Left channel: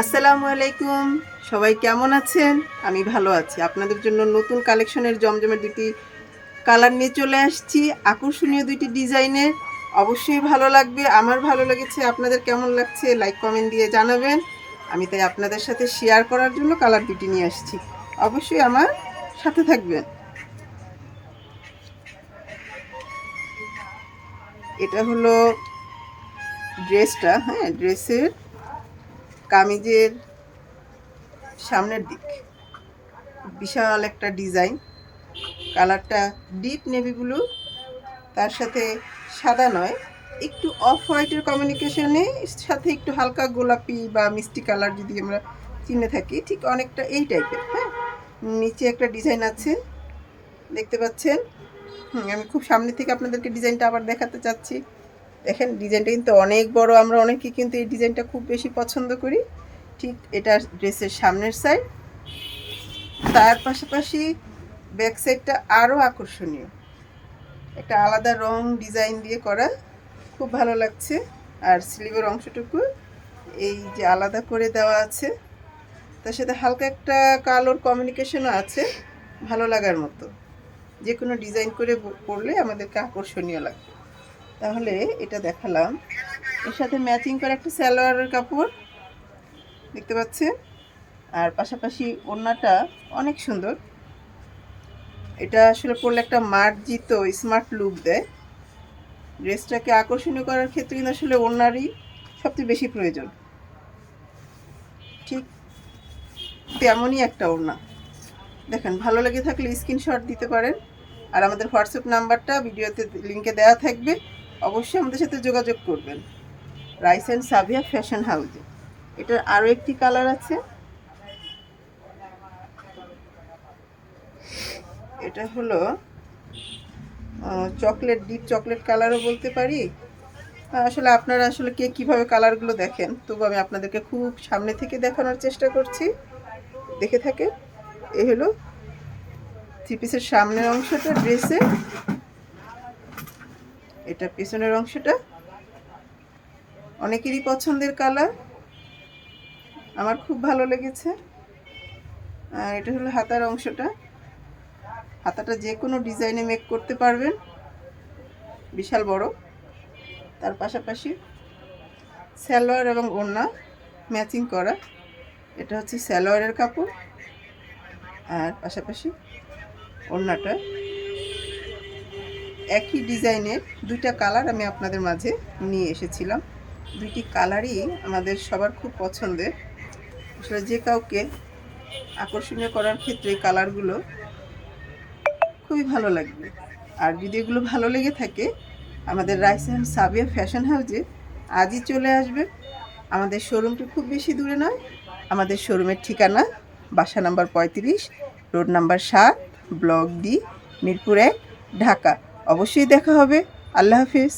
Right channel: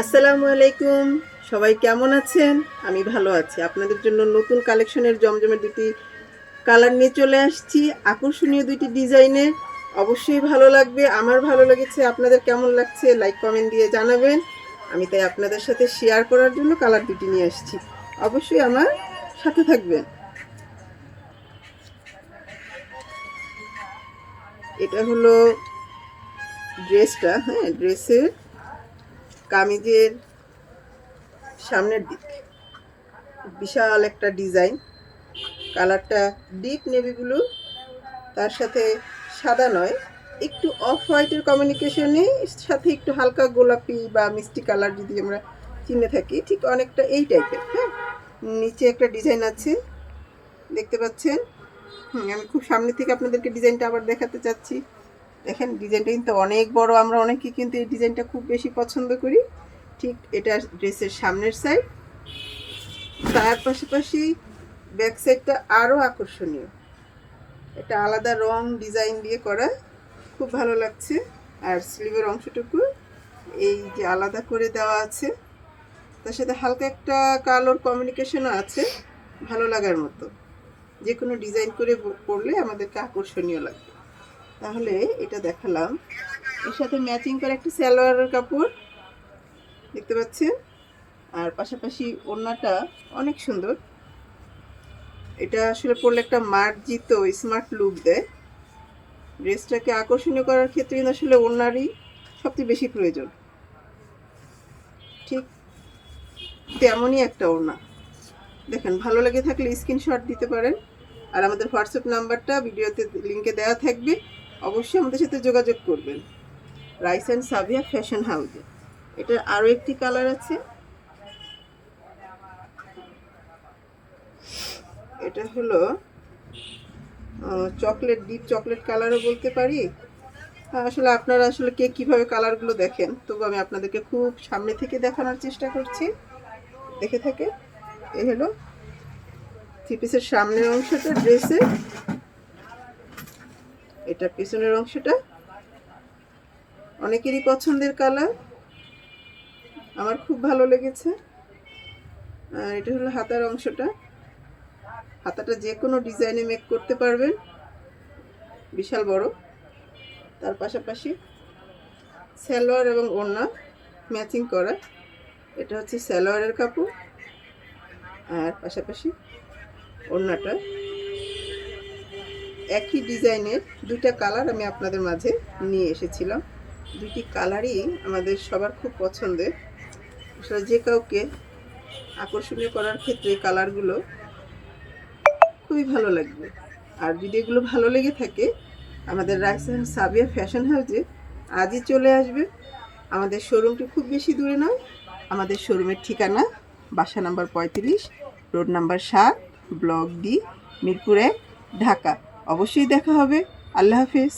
আসসালামু আলাইকুম, সবাই কেমন আছেন? আমি ভালো আছি। আপনাদের জন্য নতুন কালেকশনের জমজমের দুটি কালার নিয়ে চলে আসছি, আকর্ষণীয় দুটি ডিজাইনের। অবশ্যই ভালো লাগবে। আমার ভালো লেগেছে, আপনাদের কেমন লাগছে লাইক কমেন্ট দিয়ে জানাবেন। আমি তাই আপনাদের সাথে শেয়ার করার জন্য কালার দুটি নিয়ে আসছি। অবশ্যই আমার সাথে থাকবেন। এটা হলো ড্রেসটা, হ্যাঁ, ড্রেসের কামিজের সামনের দিক বিশাল একটা ডিজাইন। কালারটা ডিপ নেভি ব্লু, তার সাথে সাদা নয়, একটু অফ হোয়াইটের কমিউনিকেশনে, সাথে একটু হালকা গোলাপি বা মিষ্টি কালার যদি আমরা চিনে থাকি, ঠিক অনেকটা এই টাইপের। হ্যাঁ, নিচে একটা ডিজাইন আছে, দেখতে পাচ্ছেন। আমি খুব সামনে থেকে আপনাদেরকে ডিজাইনটা আবার দেখাতে চাচ্ছি। দেখেন ডিজাইনটা কিন্তু অনেক বড়, আমরা অনেকে কিন্তু এই ডিজাইনটা খুব বেশি পছন্দ করি। ঠিক এটা ড্রেসের সামনের সাইড, তার পাশাপাশি ব্যাক সাইডটা আরও আকর্ষণীয়, একটা আলাদা রং ডিজাইন দিয়ে করা, খুব ভালো লাগছে। আর স্লিভের অংশটুকু এই যে আলাদা করে দেওয়া আছে, তার সাথে হালকা একটা কালোর কমিউনিকেশনও আছে, ভালো লাগার মতো। যে কোনো ডিজাইন করে পরলে আমাদেরকে আকর্ষণীয় লাগবে। তাহলে এটা দেখালাম, এর সাথে ম্যাচিং করে একটা সালোয়ারের কাপড় দেখতে পাচ্ছেন। আর পাশাপাশি ওড়নাটা অনেক সুন্দর, এটা আসলে পরলে একটা মার্জিত স্মার্ট লুক দেয়। ড্রেসটাকে আকর্ষণীয় করার ক্ষেত্রে আসলে ওড়নারই সবচেয়ে বেশি প্রয়োজন। ঠিক তেমনই একটা ওড়না। দেখেন, ভালো লেগে থাকলে স্ক্রিনশট দিতে পারেন। আর আমাদের হোয়াটসঅ্যাপ নাম্বারটা ভিডিওতে লিঙ্কে দেওয়া থাকবে, অবশ্যই আমাদের সাথে যোগাযোগ করবেন। রাইস অ্যান্ড সাবিয়া ফ্যাশন হাউসে। এটার আরও একটি কালার আছে, এটা হলো চকলেট, ডিপ চকলেট কালারও বলতে পারি। আসলে আপনারা আসলে কে কীভাবে কালারগুলো দেখেন, তবু আমি আপনাদেরকে খুব সামনে থেকে দেখানোর চেষ্টা করছি, দেখে থাকে। এই হলো থ্রি পিসের সামনের অংশটা ড্রেসের, এটা পেছনের অংশটা। অনেকেরই পছন্দের কালার, আমার খুব ভালো লেগেছে। আর এটা হলো হাতার অংশটা, হাতাটা যে কোনো ডিজাইনে মেক করতে পারবেন, বিশাল বড়। তার পাশাপাশি সালোয়ার এবং ওড়না ম্যাচিং করা, এটা হচ্ছে সালোয়ারের কাপড়। আর পাশাপাশি ওড়নাটা একই ডিজাইনের দুইটা কালার আমি আপনাদের মাঝে নিয়ে এসেছিলাম। দুইটি কালারই আমাদের সবার খুব পছন্দের, আসলে যে কাউকে আকর্ষণীয় করার ক্ষেত্রে এই কালারগুলো খুবই ভালো লাগবে। আর যদি এগুলো ভালো লেগে থাকে, আমাদের রাইস অ্যান্ড সাবিয়া ফ্যাশন হাউসে আজই চলে আসবে। আমাদের শোরুমটি খুব বেশি দূরে নয়। আমাদের শোরুমের ঠিকানা বাসা number 35, road number 7, block D, Mirpur 1, Dhaka. অবশ্যই দেখা হবে। আল্লাহ হাফিজ।